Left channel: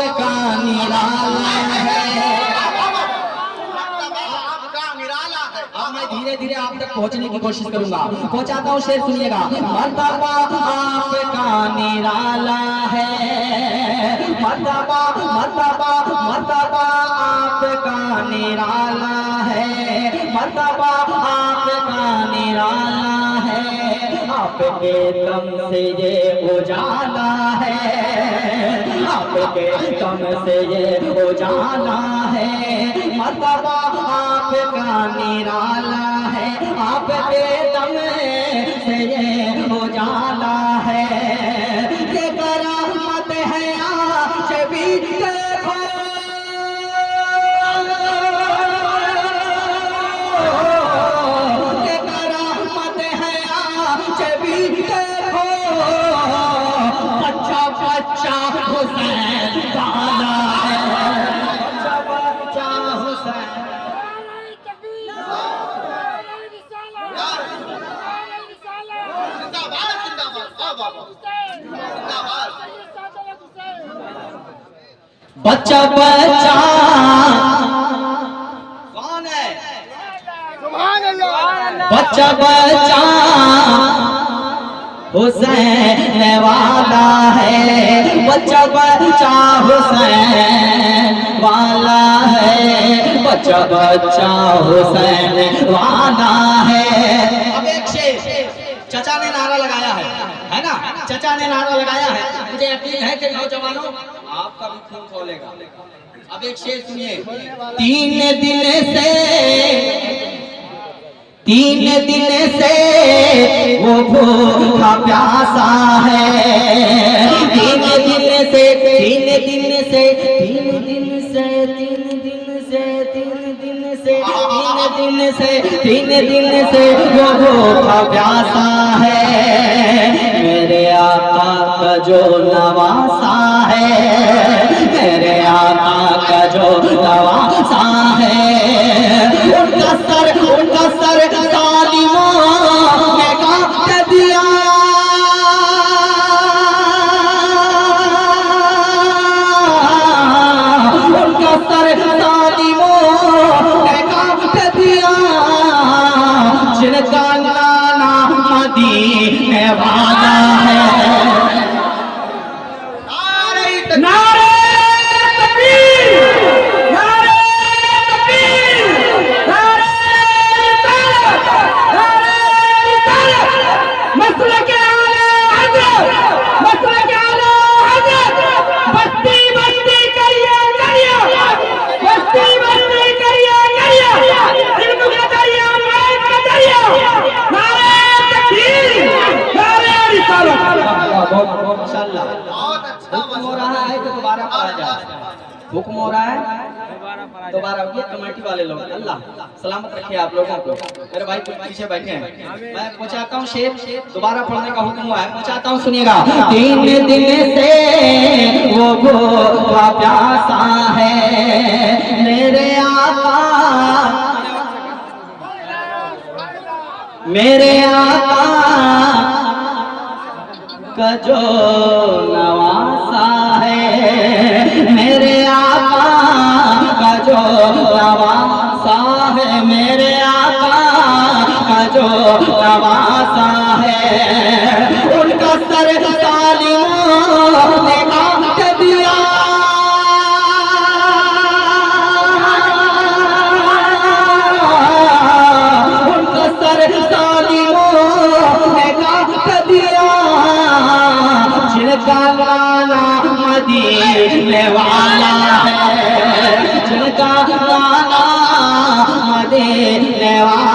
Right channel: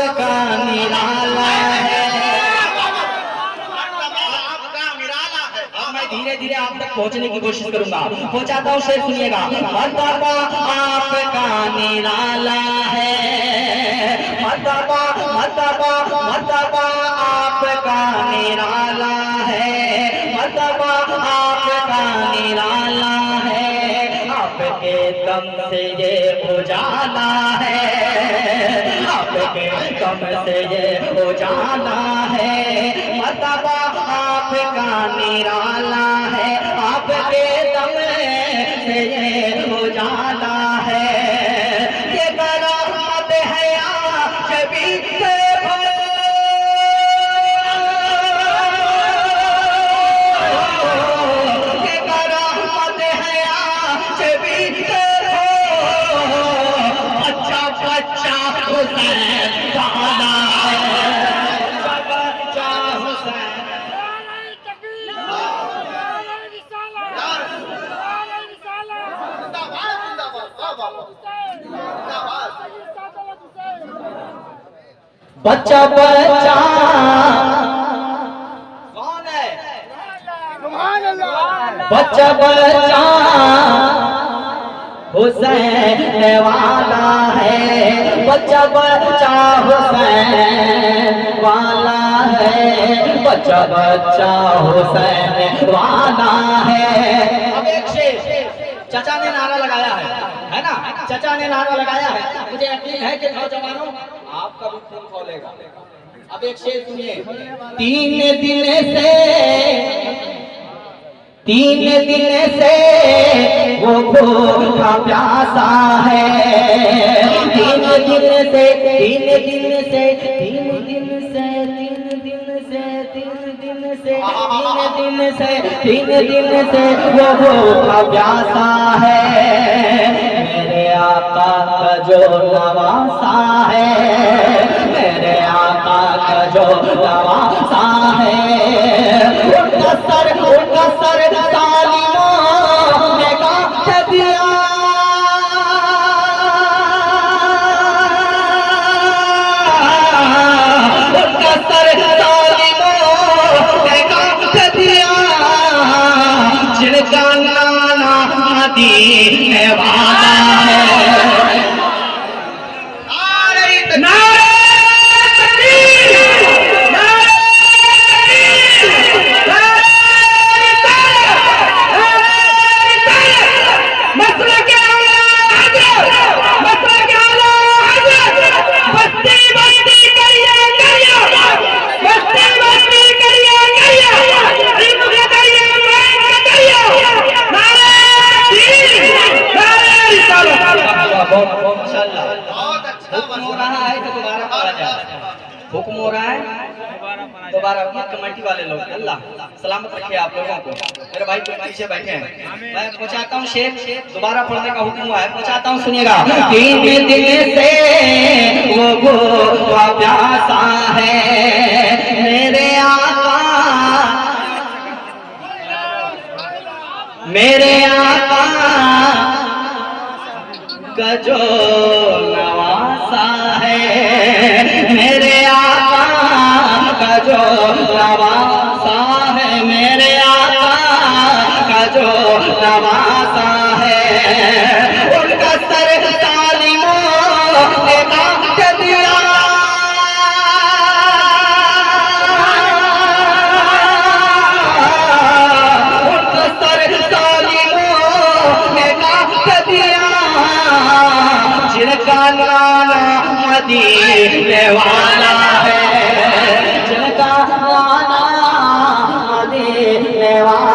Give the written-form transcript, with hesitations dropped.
आपका निराला है। मैं धीरे धीरे आप तक पहुंचने की कोशिश करूंगा, पहुंचाता हूं, शेर सुनिएगा। मर्तबा आपका निराला है, मर्तबा मर्तबा मर्तबा आपका निराला है, मर्तबा आपका निराला है। आपके दम से ये उजाला है, आपके दम से ये उजाला है। मर्तबा आपका निराला है, आपके दम से ये उजाला है। ये करामत है आज भी देखो, ये करामत है आज भी देखो। बच्चा बच्चा हुसैन वाला है, बच्चा हुसैन। बच्चा बच्चा कौन है? बच्चा बच्चा हुसैन वाला है, बच्चा बच्चा हुसैन वाला है, बच्चा बच्चा हुसैन वाला है। अब एक शेर चचा ने नारा लगाया है ना, चचा ने नारा लगाया है। मुझे यकीन है कि नौजवानों आपका भी खून खोलेगा। अब एक शेर सुनिए। तीन दिन से वो भूखा प्यासा है, तीन दिन से वो भूखा प्यासा है। मेरे आका का जो नवासा है, मेरे आका का जो नवासा है। उनका सर सालिमों ने काट दिया, उनका सर सालिमों ने काट दिया। जिनका नाना मदीने वाला है। हुक्म हो रहा है तो दोबारा पढ़ा जाए, हुक्म हो रहा है दोबारा। ये कमेटी वाले लोग अल्लाह सलामत रखे आप लोगों को। मेरे भाई तो पीछे बैठे हैं, मैं पहुंचाता हूँ शेर, दोबारा पढ़ने का हुक्म हुआ है, पहुंचाता हूँ, सुनिएगा। तीन दिन से वो भूखा प्यासा है, मेरे आका का जो नवासा है, मेरे आका का जो नवासा है, मेरे आका का जो नवासा है। उनका सर सालिमों ने काट दिया, उनका सर सालिमों ने काट दिया। जिनका नाना मदीने वाला है, जिनका नाना मदीने वाला